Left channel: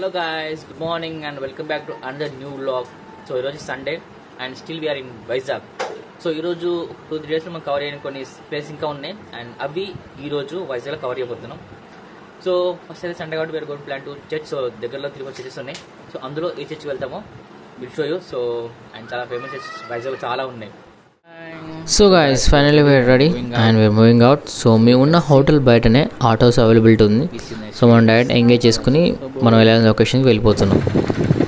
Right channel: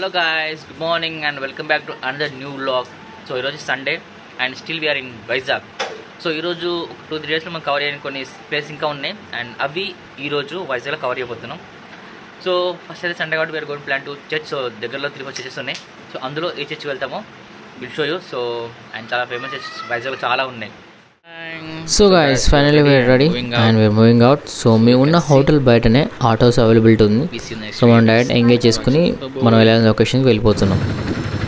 Hello guys, good morning and welcome back to another new vlog. So ఈరోజు Sunday and still we're in Vizag. So ఈరోజు 2-3 డేస్లో మనం cover చేయని కొన్ని place ఇంకా ఉన్నాయి అండ్ అవి ఈరోజు వైజాగ్లో కవర్ చేయబోతున్నాం. సో ఫస్ట్ అయితే సండే కాబట్టి we are going plan to church. So దగ్గరలో 3-4 చర్చెస్ ఉన్నాయి. సో అందులో ఏ చర్చ్కి వెళ్తామో will show you. So and చాలా ఫేమస్ చర్చెస్ వైజాగ్లో చాలా ఉన్నాయి. So guys finally we are ready and we are moving out. So మేము ఉన్న హోటల్ బయటనే ఆటోస్ అవైలబిలిటీ ఉంది. సో మనం డైరెక్ట్ ఎంగేజ్ చేసుకుని మనం వెళ్ళాల్సిన లొకేషన్కి వెళ్ళిపోతున్నాం.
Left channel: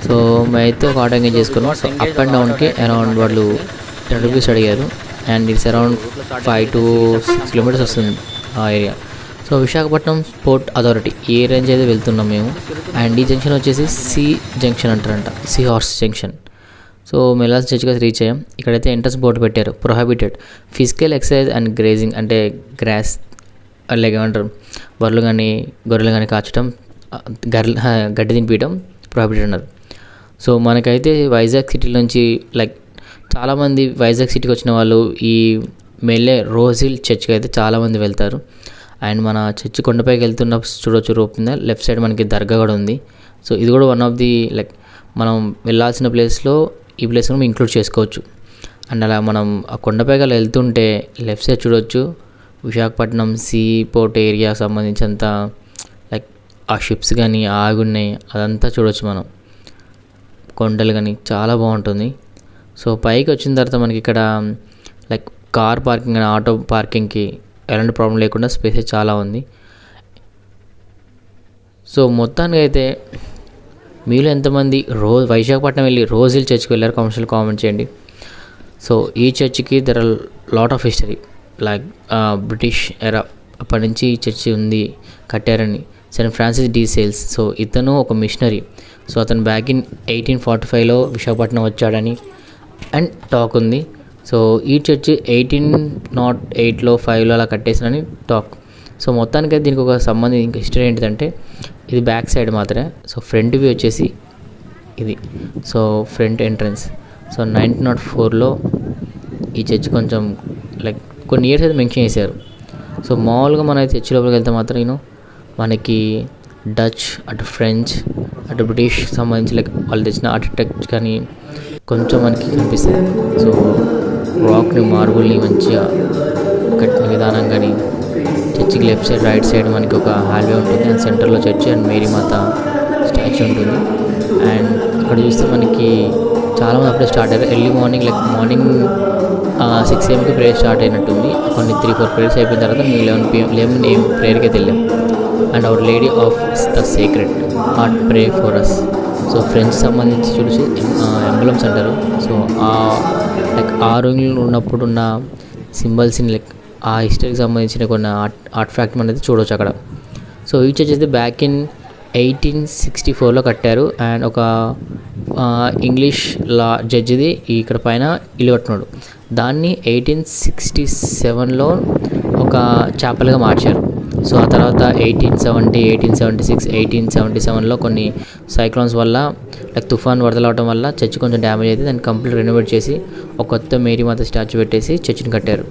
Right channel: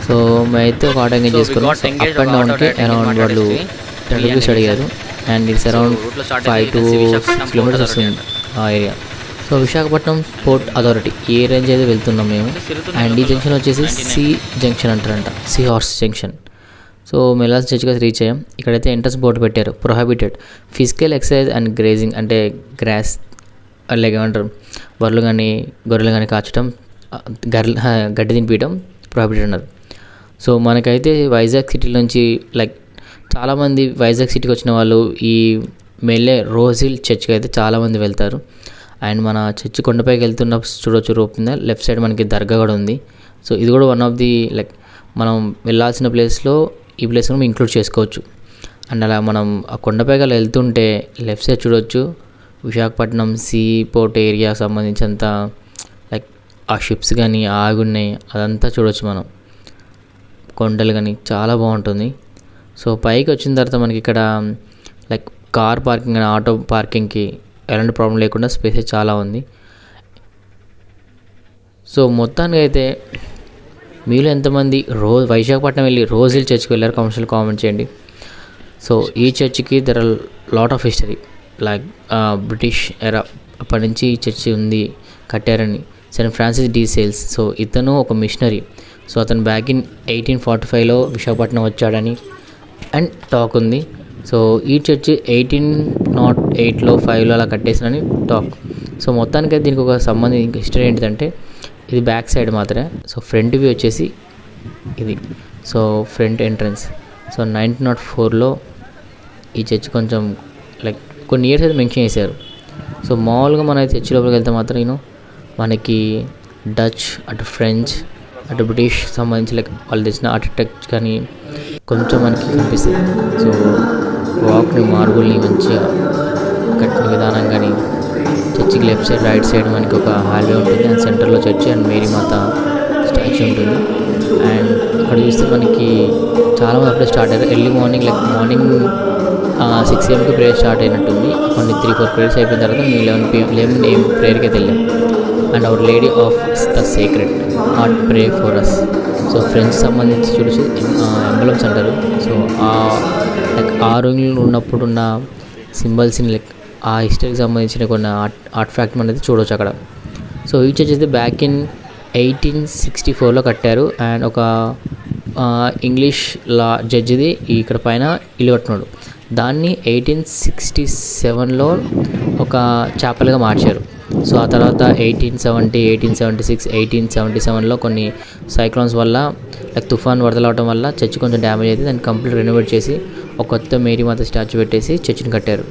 సో మేమైతే ఒక ఆటో ఎంగేజ్ చేసుకున్నాం. సో అప్ అండ్ డౌన్కి అరౌండ్ వాళ్ళు 10 రూపీస్ అడిగారు and it's around 5 to 6 kilometres వస్తుంది ఆ area. So Visakhapatnam port authority ఈ రేంజ్ అయితే వెళ్తున్నాం మేము. అండ్ ఈ జంక్షన్ వచ్చేసి సి జంక్షన్ అంటారంట, సి హార్స్ జంక్షన్. సో మెలాస్ చర్చ్గా రీచ్ అయ్యాం. ఇక్కడైతే ఎంట్రన్స్ బోర్డు పెట్టారు, prohibited physical exercise and grazing, అంటే గ్రాస్ అలాగే ఏమంటారు బర్రెలు కానీ గొర్రెలు కానీ కాచడం, గడ్డి తినిపించడం ప్రొహిబిటెడ్ అన్నారు. సో మనకైతే వైజాగ్ సిటీ నుంచి చాలామంది వైజాగ్ సిటీకి వచ్చిన వాళ్ళు ఈ మెల్లే రోజ్ హిల్ చర్చ్కి అయితే చాలామంది వెళ్తారు. అండ్ మన చర్చ్ కొండపైకి వెళ్తున్న చూడొచ్చు, రోప్ మీద లెఫ్ట్ సైడ్ మనకి దర్గా కూడా ఉంది. సో ఇది కూడా వన్ ఆఫ్ ది మనం వెళ్ళాల్సిన ప్లేస్లో ఈ ప్లేస్ కూడా ఇంక్లూడ్ చేసుకోవచ్చు. అండ్ అలా మనం ఆ కొండపైకి అలా వెళ్తుంటే లెఫ్ట్ సైడ్ చూడవచ్చు విశాఖపట్నం సీ పోర్ట్ ఏరియా సంబంధించినంత ఆ షిప్స్ కానీ ఆగున్నాయి అదంతా చూడవచ్చు మనం, కొండలు కానీ చాలా బాగుంటుంది. సో పైకి వచ్చిన తర్వాత మనకి ఇక్కడ కార్ పార్కింగ్ కానీ ఆటో పార్కింగ్కి ఎలాంటి ప్రాబ్లం లేకుండా స్పేస్ చాలా ఉంది. సో మొత్తానికి అయితే మీలో ఎంతమంది వైశాఖపట్నం వెళ్ళి రోజ్ హిల్ చర్చ్కి వెళ్ళారు కామెంట్ చేయండి. సో ఈ చర్చ్కి there are lot of history, British era అప్పటి నుంచి ఈ చర్చి ఉంది కట్టారని Saint Francis de Sales. So ఇతను ఒక మిషనరీ. సో అతను బ్యాక్ ఇన్ 1845లో విశాఖపట్నం వచ్చాడని అండ్ టాక్ ఉంది. సో ఈ చర్చి 1808లో 5లో అలా కట్టేసానని టాక్. సో మొత్తానికైతే దీనికి ఒక సంబంధించిన హిస్టరీ ఏంటిదంటే ఇది బ్యాక్ సైడ్ మాత్రమే. సో ఫ్రంట్ వ్యూ వచ్చేసి ఇది. So front entrance. సో 1904లో ఈ చర్చ్ కొంచెం కొన్ని ఇయర్స్ అయితే మెన్షన్ చేశారు. సో మామూలుగా మన చర్చ్ లోపలికి వెళ్తే మాత్రం మనకి డచ్, అటు ఫ్రెంచ్, అటు బ్రిటిష్ సంబంధించి వాళ్ళు తెచ్చిన ఆర్కిటెక్ట్ కానీ కొంచెం మనకి కనిపిస్తుంది. సో రాక్ని మార్బుల్ని మంచిగా కట్టిన విధానం కానీ, చర్చికి లెఫ్ట్ సైడ్ రైట్ సైడ్ మనకి ఒక హాల్వే ఉంటుంది అండ్ సెంటర్లో church and Mary Mata statue ఉంటుంది. అండ్ అక్కడ చూస్తే మనకి చాలామంది అప్పుడే స్టార్ట్ అయ్యారు. Early morning 6 AM prayer start అయినట్టుంది. కొన్ని 3-4 ప్రేయర్స్ అయిపోయిన తర్వాత మేము 11 AM ప్రేయర్కి అయితే వెళ్ళాం. And our lady of the sacred heart pray for us. So French సంబంధించి చూడొచ్చు ఎంబలమ్స్ అంటారు. సో ఆ రోజుల్లో ఉన్నప్పుడు ఉన్న సింబల్స్ని ఆ హిస్టరీకి సంబంధించిన కొన్ని ఆర్ట్ ఫ్యాక్ట్ అనేది చూడవచ్చు అక్కడ. సో ఈ చర్చ్ అయితే బ్యాక్ ఇన్ 1864లో కట్టారు. అండ్ ఒక ఇంగ్లీష్ లా జడ్జిది ఇక్కడ పైన ఇల్లు కట్టున్నాడు. దాన్ని 1867లో ఒక చాపెల్గా మార్చారు. సో ఆ తర్వాత 1870, 1876, 1877లో కొన్ని సైక్లోన్స్ వల్ల తుఫాన్ వరదలు అవడం వల్ల చర్చ్ కొంచెం డ్యామేజ్ అయితే దాన్ని కంప్లీట్ రెనోవేట్ చేసి ఒక కొత్త మేరీ మాత స్టాచ్యూ పెట్టేసి చర్చిని కట్టారు.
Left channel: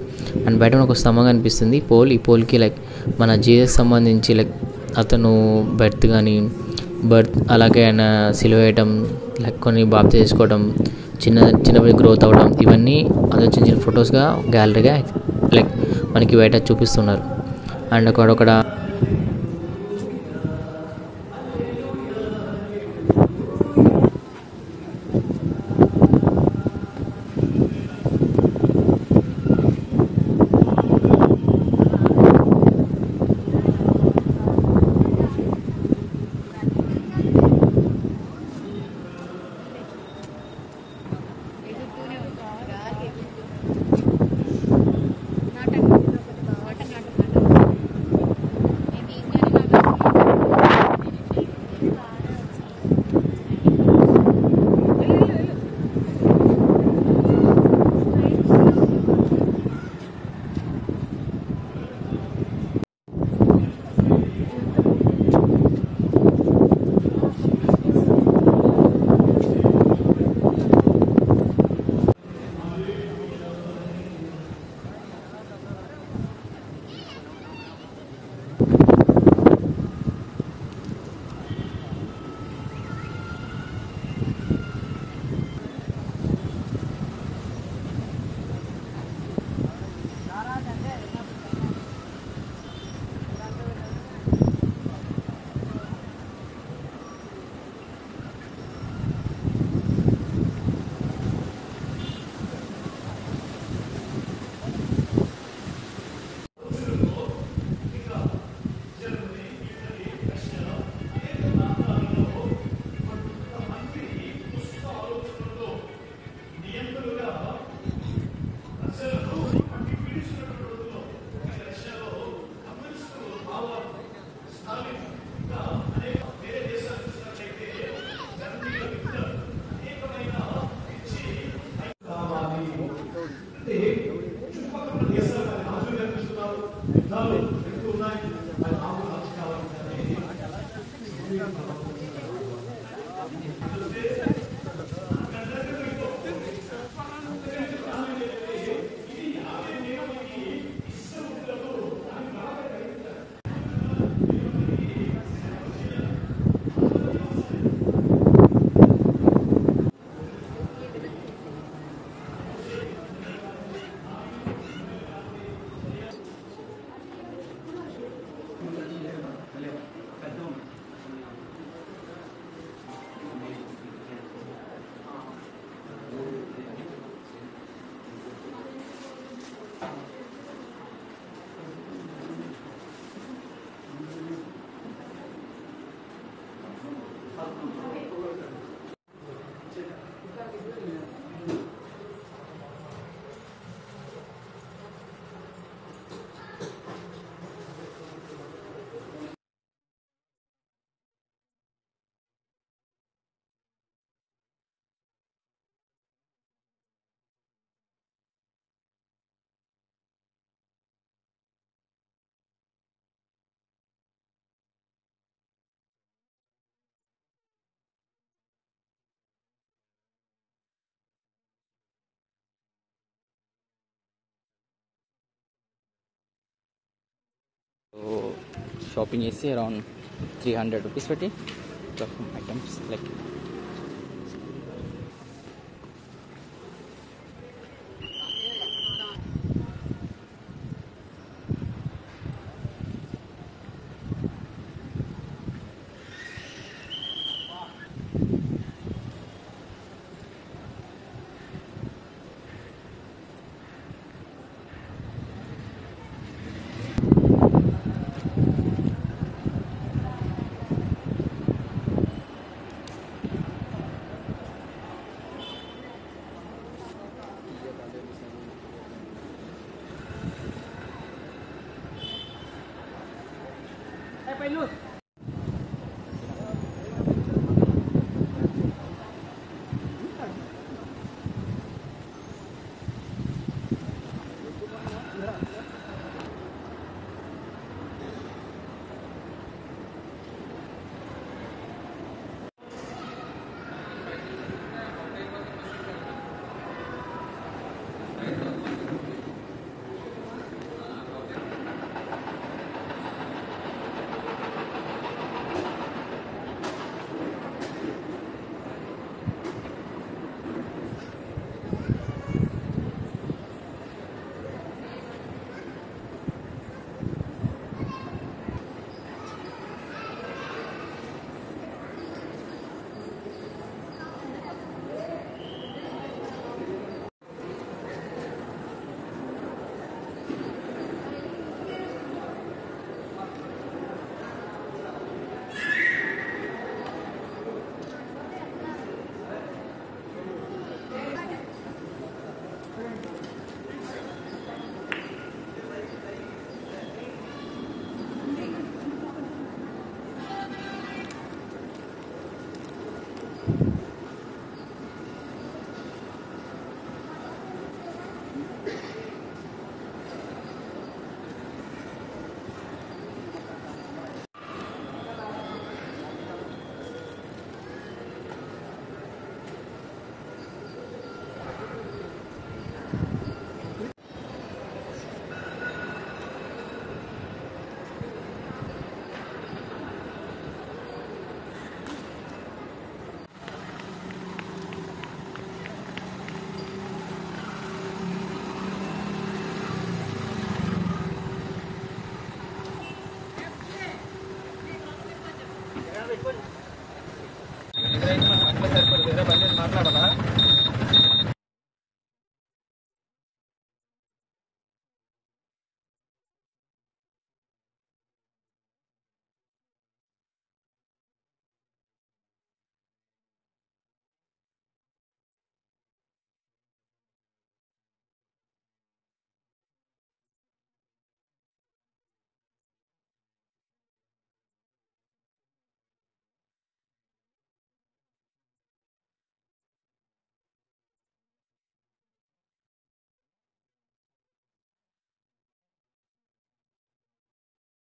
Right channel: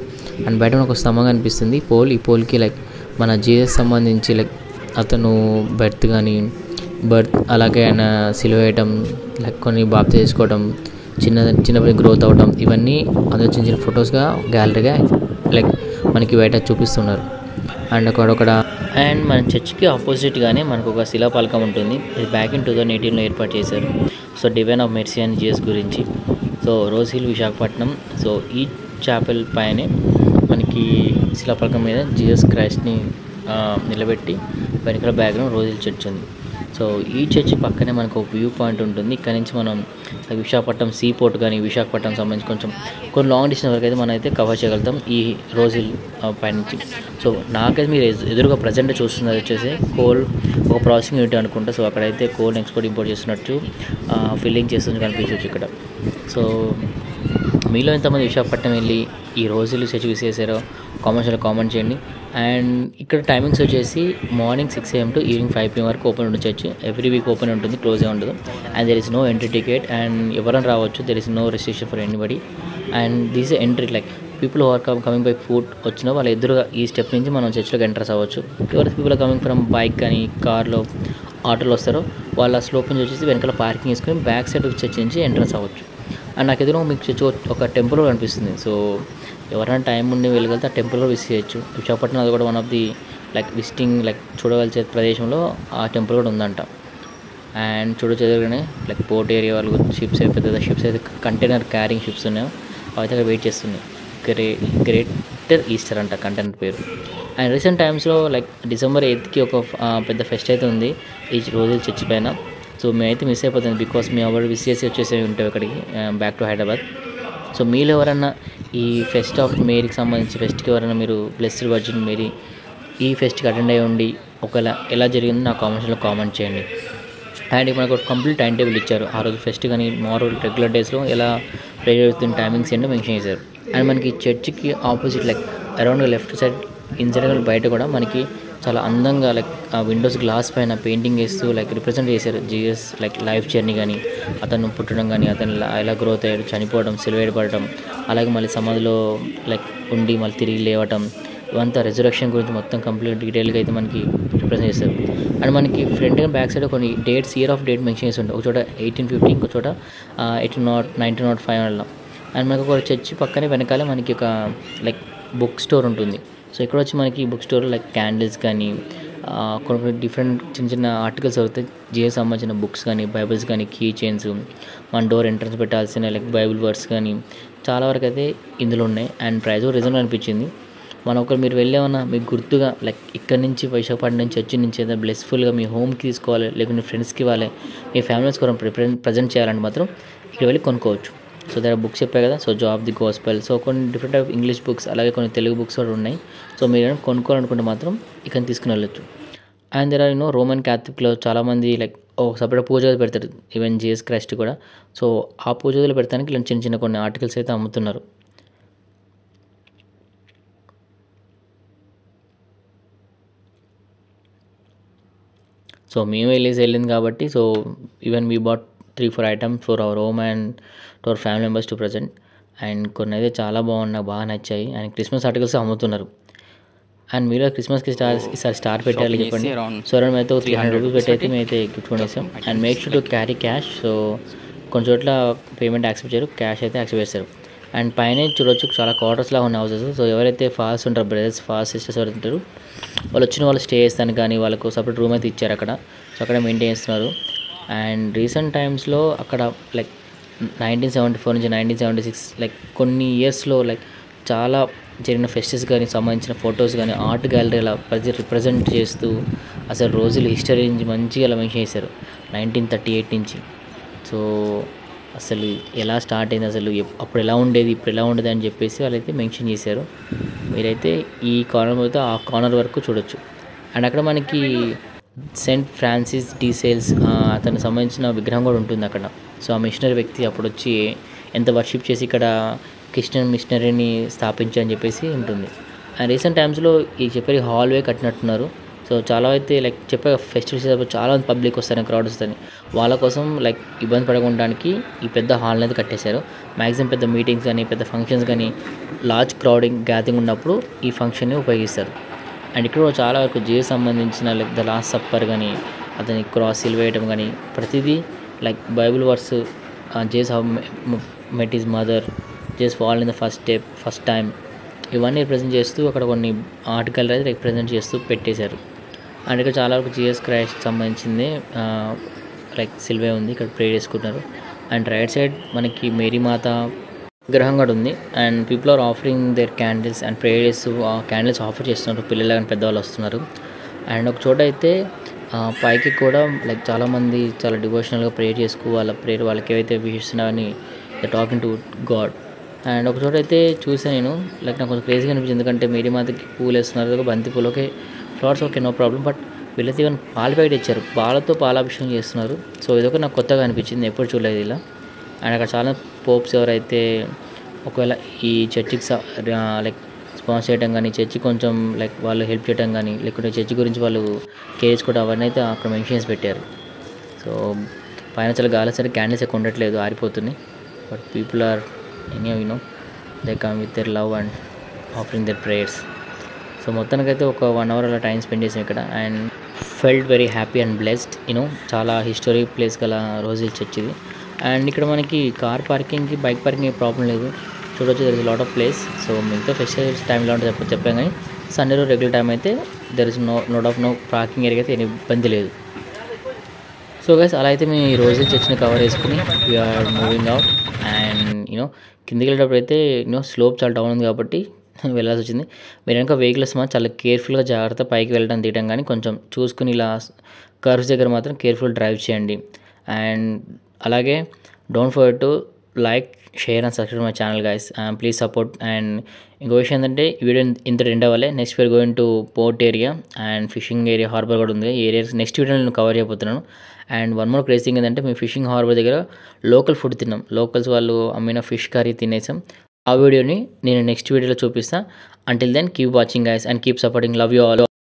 అండ్ బయట ఒక స్తంభం కనిపిస్తుంది ఈ పోల్కి మన జీసస్ సంబంధించి అతను బర్త్ అలాగే ఆయన సిలువ వేయటం, కొన్ని బాప్తి చేసుకోవడం, చిన్నప్పటి గ్రోత్ అవ్వడం, ఇవన్నీ అదే చిన్న చిన్న ఫొటోస్గా గ్యాలరీగా మనకి బయట చూపిస్తున్నారు. అండ్ అండ్ మన చర్చ్కి ఆపోజిట్గానే మనకు ఒక శిలాపలకం ఉంటుంది. ఇది బ్యాక్ ఇన్ 2018లో ఏర్పాటు చేశారు. So divine of mercy and Jesus గురించి. So Rose Hill Visakhapatnam. So ఈ చాపెల్ పైనే మనకి శిలాపలకం మీద జీసస్ క్రైస్ట్ని నిలబెట్టి వెనకాల బ్యాక్గ్రౌండ్ రోజ్ హిల్ చర్చ్ ఉంది. సో ఈ చర్చ్ పక్కనే మనకు ఒక వ్యూ పాయింట్ ఉంటుంది. ఇక్కడ నుంచి మనం విశాఖపట్నం సీ పోర్ట్ కానీ విశాఖపట్నం సంబంధించి కొన్ని లాంగ్ డిస్టెన్స్ వరకు అయితే మనం అయితే కవర్ చేయగలుగుతాం ఈ రోజ్ హిల్ పైనుంచి. సో నాకైతే మీరు ఎదురుగా ప్రజెంట్ చూస్తున్నది వచ్చేసి కోల్ ప్రాసెసింగ్ యూనిట్ అనుకుంటా. సో అక్కడైతే కోల్ ఎక్స్పోర్ట్ ఇంపోర్ట్ చేస్తున్నట్టు ఫిల్లింగ్ చేస్తున్నట్టు కనిపించవచ్చు ఇక్కడ. సో మీలో ఎంతమంది విశాఖపట్నం వెళ్ళి ఈ రోజ్ హిల్ చర్చ్ విజిట్ చేశారో కామెంట్ చేయండి. అండ్ ఇక్కడ టైమింగ్స్ వచ్చేసి morning 6 AM to evening 5 PM వరకు ఓపెన్ ఉంటుంది చర్చ్. ఎవ్రీ వీక్ ఓపెన్ ఉంటుంది, క్లోజ్ ఉంటుంది. And there is no entry ticket and ఎవరైనా రావచ్చు. There is no restriction for anybody. And this entry people are coming by foot వచ్చిన వాళ్ళ ఎదురుగా ఈ స్టెప్ నుంచి మనం చర్చ్లోకి ఎంటర్స్ అవ్వచ్చు. ఎవరైతే పీపుల్ కమింగ్ ఫ్రమ్ బైక్ కానీ కార్లో ఆటోలో వస్తారో వాళ్ళ స్లోప్ నుంచి వచ్చేసి వెనకాల పార్కింగ్ వేసుకొని బ్యాక్ సైడ్ చర్చ్ నుంచి ఎంట్రన్స్ అవ్వచ్చు. అండ్ నాకు ఎదురు మీకు చర్చ్ ఒక టెంపుల్ కూడా కనిపిస్తుంది. సో ఎవరైనా టైం ఉండి వెళ్ళగలిగితే ఆ టెంపుల్ కూడా విజిట్ చేయొచ్చు. విశాఖపట్నం అది కూడా వన్ ఆఫ్ ది విజిటింగ్ చూడవలసే ప్రదేశంలో ఆ టెంపుల్ కూడా ఉందంట. అండ్ చూడొచ్చు ఎదురుగానే పోర్ట్ ఏరియా వాళ్ళు షిప్స్ పెద్ద షిప్స్ అయితే కంటైనర్ క్యారింగ్ షిప్స్ ఉన్నాయో అవి అయితే వెయిట్ చేస్తున్నాయి. గ్రేటర్ ఈస్టర్ అంట కంటైనర్ పేరు. అండ్ రీసెంట్ టైమ్స్లో December 8th ఒక పెద్ద ఫెస్ట్ అయితే ఉంది ఈ రోజు చర్చ్ పైన. సో మేమైతే మిస్ అయిపోతుంది బికాస్ మేము ఎవరు విజిట్ చేసి వచ్చేసి ఉంటాం ఇక్కడికి బ్యాక్ టు హైదరాబాద్. సో మీరు ఎవరన్నా ఈ ఫెస్ట్ ఆఫ్ మేరీకి సంబంధించి ఫెస్ట్కి ఎవరైనా మీరు బ్లెస్డ్ వర్జిన్ మేరీ ఈ ఫెస్ట్కి అటెండ్ అయ్యి ఉండి ఒకవేళ ఎలా జరిగిందో నా కామెంట్స్లో కామెంట్ చేయండి. అండ్ మనకు ఒక కంప్లీట్ టైం టేబుల్ ఇచ్చారు. ఆ రోజు ఫెస్ట్ కానీ మామూలు రెగ్యులర్ డేస్లో ఎలా ప్రే జరుగుతున్న టైమింగ్స్ ఏంటో మెన్షన్ చేశారు. అండ్ మనకి చర్చ్కి opposite around left side inside బయట కూడా మనకి చాలా అందంగా ఆ విండోస్ గ్లాస్ పైన పెయింటింగ్ వేస్తూ రిప్రజెంట్ చేశారు జీసస్ లైఫ్ జర్నీ కానీ, అతను పుట్టడం కానీ, అతను ఎలా గ్రోత్ అయ్యాడు, చనిపోవడం, సిలువేయబడటం, అలాగే మళ్ళీ సమాధిలో ఉండి మళ్ళీ తిరిగి లేవటం, ఇవంతా రెజరెక్షన్ గురించి మొత్తం కంప్లీట్ డీటెయిల్గా అయితే మనకి రిప్రజెంట్ చేస్తారు. అండ్ మనకి ఫ్రంట్ అండ్ బ్యాక్ సైడ్ కొన్ని dates year of date mention చేసి ఉంటుంది. ఒక చోట 1850, ఇంకో చోట 1905 అలా. అండ్ మనకు ఒక చర్చ్ పక్కనే వెనకాలే మనకి ఒక బుక్ స్టోర్ ఉంటుంది. సో ఇక్కడ వచ్చి మనకి బుక్ స్టోర్ క్యాండిల్స్ కానీ కొన్ని డిఫరెంట్ చిన్న చిన్న ఆర్టికల్స్ అవుతాయి. జీఎస్ సంబంధించిన బుక్స్ కానీ, బైబిల్స్ కానీ, కీ చైన్స్, మన డోర్ ఎంట్రన్స్ పెట్టాల్సిన బైబిల్ వర్డ్స్ కానీ చాలా వరకు అయితే ఇందులో ఉన్నాయి. అండ్ ప్రైస్ కూడా రీజనబుల్ అనిపించింది. మనం ఒకరు మీరు వెళ్ళేమన్నా మీకు గుర్తుగా ఇక్కడ నుంచి విశాఖపట్నం నుంచి చర్చి నుంచి ఏదైనా బ్లెస్ఫుల్గా మీ హోమ్కి తీసుకోవాలి, లేకుంటే మీ ఫ్రెండ్స్కి ఇవ్వాలి, మీ ఫ్యామిలీస్ కూడా ప్రజెంట్ చేయాలంటే మాత్రం ఇక్కడ వెళ్ళి కొనుక్కోవచ్చు. సో దగ్గర బుక్స్ చెప్పాయి కదా, so job the gospel, so కొన్ని డిఫరెంట్ టైప్ ఇంగ్లీష్ బుక్స్, అలాగే కొన్ని తెలుగు బుక్స్ కూడా ఉన్నాయి. సో మీరు కొనుక్కోవాలనుకుంటే మాత్రం ఇక్కడ తీసుకుని వెళ్ళొచ్చు. అండ్ దగ్గర రోమన్ క్యాథలిక్లో చాలామంది ఒక సపరేట్ పూజ గది పెడతారు, ఈవెన్ జీసస్ క్రైస్ట్ కూడా. సో ఆ పూజ గదిలో పెడతానికి ఇలాంటి చిన్న చిన్న కొన్ని ఆర్టికల్స్ అయితే అమ్ముతున్నారు. సో మేము వెళ్ళింది కాబట్టి so even we bought 3-4 items for our home and to our family members to present. And కొన్ని అయితే చాలా బాగున్నాయి, బాగా నచ్చాయి. అండ్ క్రిస్మస్ ఆర్టికల్స్ అమ్ముతున్నారు. అండ్ మీలో క్రిస్మస్కి ఈసారి స్టార్ పెట్టాలి చెప్పండి. సో అరౌండ్ అయితే 300 రూపీస్ పెట్టయితే మేమైతే గిఫ్ట్ కొనేసాం. And make sure to carry cash. So కొన్ని చోట్ల పేమెంట్ యాక్సెప్ట్ చేయరు, క్యాష్ అయితే యాక్సెప్ట్ చేస్తారు. అండ్ పైన చూడొచ్చు చాలా క్వార్టర్స్లా ఉన్న హౌసెస్. సో ఎవరైతే ఫాస్ట్ ఉంటారు, బ్రదర్స్ ఫాస్ట్ సిస్టర్స్ ఎవరైతే ఉంటారు వాళ్ళు వచ్చిన వాళ్ళు స్టే చేస్తాను కానీ వాళ్ళకు సపరేట్ రూమ్ అయితే ఇచ్చారు అక్కడ. సో అక్కడ మెయింటైన్ చేస్తున్నారు. అండ్ రీసెంట్ టైమ్స్లో అక్కడ 1974 నుంచి 1976 కొన్ని ఇయర్స్లో చాలా జరిగిన ఫెస్టివ్స్ కానీ సంబంధించిన ఫొటోస్ కానీ ఆర్ట్ గ్యాలరీ అలా రిప్రజెంట్ చేస్తూ అసలు రోజులు హిస్టరీ నుంచి మంచిగా అలా మెన్షన్ చేశారు 1938 నుంచి. సో అసలు ఎలా స్టార్ట్ అయింది, అసలు అప్పుడు ఎలా ఉండేది, ఇప్పుడు ఎలా ఉండేది అని చెప్పేసి వాళ్ళైతే మెన్షన్ చేశారు. మీరైతే ఈ కార్నర్ అయితే ఆ కార్నర్ వరకు చూడొచ్చు. అండ్ అక్కడ మనకి సెయింట్ ఫ్రాన్సిస్ డి సేల్స్ అతనికి సంబంధించిన విగ్రహం కూడా ఉంటుంది అక్కడ. సో ఆ మిషనరీ వ్యక్తి అప్పుడు వచ్చి ఎంత వర్షిప్ చేసి ఇక్కడ క్రిస్టియన్ మిషనరీని స్థాపించని చెప్పేసి ఉంటుంది. అండ్ రీసెంట్ టైమ్స్లో ఈ చెప్పే హాల్వే కట్టినట్టున్నారు. సో చాలా అయితే చెప్పే ఫెస్టివల్స్ చాలా మంది పబ్లిక్ వస్తారు, క్రౌడ్ వస్తుంది, వాళ్ళ కోసం ఇబ్బంది పడకుండానికి ఈ పెద్ద హాల్ని అయితే కట్టేశారు. మ్యాక్సిమం పెద్ద మీటింగ్స్ కానీ పెద్ద ఫంక్షన్స్ కానీ లార్జ్ క్రౌడింగ్ గ్యాదరింగ్ ఉన్నప్పుడు ఈ ఫంక్షన్ని ఉపయోగిస్తారు. అండ్ ఇక్కడ చాలా వరకు జీసస్ సంబంధించిన ద లాస్ట్ సప్పర్ కానీ అతని క్రాస్ సిలువేయటం కానీ ప్రతిదీ Bible verse Jesus how met his mother, Jesus fall in the first time, ఇవన్నీ రిప్రజెంట్ చేస్తూ అక్కడ కొన్ని ఆర్టికల్ అయితే రిప్రజెంట్ చేస్తూ పెట్టేశారు. అండ్ ఇక్కడ చాలా వరకు జీసస్ క్రైస్ట్ సంబంధించింది సిల్వే ఉంది, ఇక్కడ ప్రే చేసుకుంటున్నారు. అండ్ రైట్ సైడ్ మనకి మేరీ మాత విగ్రహం కూడా ఉంది. And people are offering their candles and pray చేస్తూ ఆ క్యాండిల్స్ ఆఫర్ చేస్తున్నారు, పిల్లలు కానీ పెద్దవాళ్ళు వస్తున్నారు. అండ్ ఒక చోట అయితే పైకి కూడా చాలామంది చాలా డివోషనల్గా ప్రే చేసుకు వాళ్ళ ప్రేయర్ వాళ్ళకి ఏవైతే విషిస్తున్నారని the talking to God. And ఒక చోట అయితే చూసాను నేను నాకు కొంచెం క్రేజీగా అనిపించింది, ఎందుకంటే మేరీ మాతకి పూలు వేస్తున్నారు, బంతి పూలు okay, flowers okay, no problem. But వీళ్ళైతే ఈవెన్ పాల ప్యాకెట్ ఇచ్చారు, పాలతో పాలాభిషేకం చేస్తున్నారు. సో ఇదొక నాకు కొత్తగా అనిపించింది, ఎప్పుడు చూడలేదు ఇలా. అండ్ అక్కడ చాలా పోప్స్ ఎవరైతే ఒకవేళ ఈ చర్చికి స్పాన్సర్ చేయడం కానీ, చర్చి కొంచెం వాళ్ళు హెల్ప్ చేయడం కానీ, లేకుంటే చర్చి గురించి వాళ్ళు కేర్ చేసుకోవడం అవన్నీ అయితే అక్కడ మెన్షన్స్ పెట్టారు. సో పైన చాలా గాలి సరే క్యాండిల్స్ ఎక్కువ ఉండట్లేదు, ఆరిపోతున్నాయి. But people are they come with their love and offering their prayers. So మొత్తానికైతే ఒక 1 hour అలా టైం స్పెండ్ చేసాం ఇక్కడ. And felt very happy and blessed. చాలా హిస్టరీ ప్లేస్ గల రోజ్ హిల్ చర్చ్ ఇది. అండ్ ఇక్కడ మనకి కార్ పార్కింగ్కి బైక్ పార్కింగ్ ప్రాబ్లం లేదు. చూడొచ్చు, there is lot of place. So మిగతా ఫెస్టివల్స్ టైంలో ఉంటే చెప్పాం, కానీ సండే రోజు రెగ్యులర్ టైం అయితే there is no parking area అయితే ఏమి ఇబ్బంది లేదు. సో గైస్, అలా అయితే మేము ఈ రోజు చర్చిని కవర్ చేసుకుని వీఆర్ మూవింగ్ అవుట్. అండ్ కిందికి వెళ్ళేటప్పుడు అయితే స్లోప్ చాలా డౌన్ ఉంది కాబట్టి వెళ్ళాల్సి వచ్చింది. మీరు కనుక వెహికల్స్ మాత్రం చాలా కేర్ఫుల్గా జాగ్రత్త పైకి వెళ్ళడం తీయడం, కానీ కొంచెం చూసుకుని ఇలా కర్వ్స్ దగ్గర మాత్రం కేర్ఫుల్ డ్రైవ్ చేయండి. అండ్ అలాగే don't forget to like, share and subscribe my channel guys. Please support. And ఇంకో విషయం ఏంటంటే, ఈ వీడియో ఇంత ఎండ్ అవ్వాలి. Next we're going to port area and fishing area, harbour కూడా ఉంది. ఈ ఏరియాస్ నెక్స్ట్ వీడియో నేను కవర్ చేయబోతున్నాను. And one more craze thing ఏంటంటే, మేము ఫిషింగ్ హార్బర్ దగ్గర లోకల్ ఫుడ్ తిన్నాం. లోకల్స్ వాళ్ళు అమ్మిన ఫిష్ కర్రీ తినేసాం. ఆ వీడియోని నేను నెక్స్ట్ వీడియోలో చూపిస్తాను. Until then keep watching guys and keep supporting. Love you all.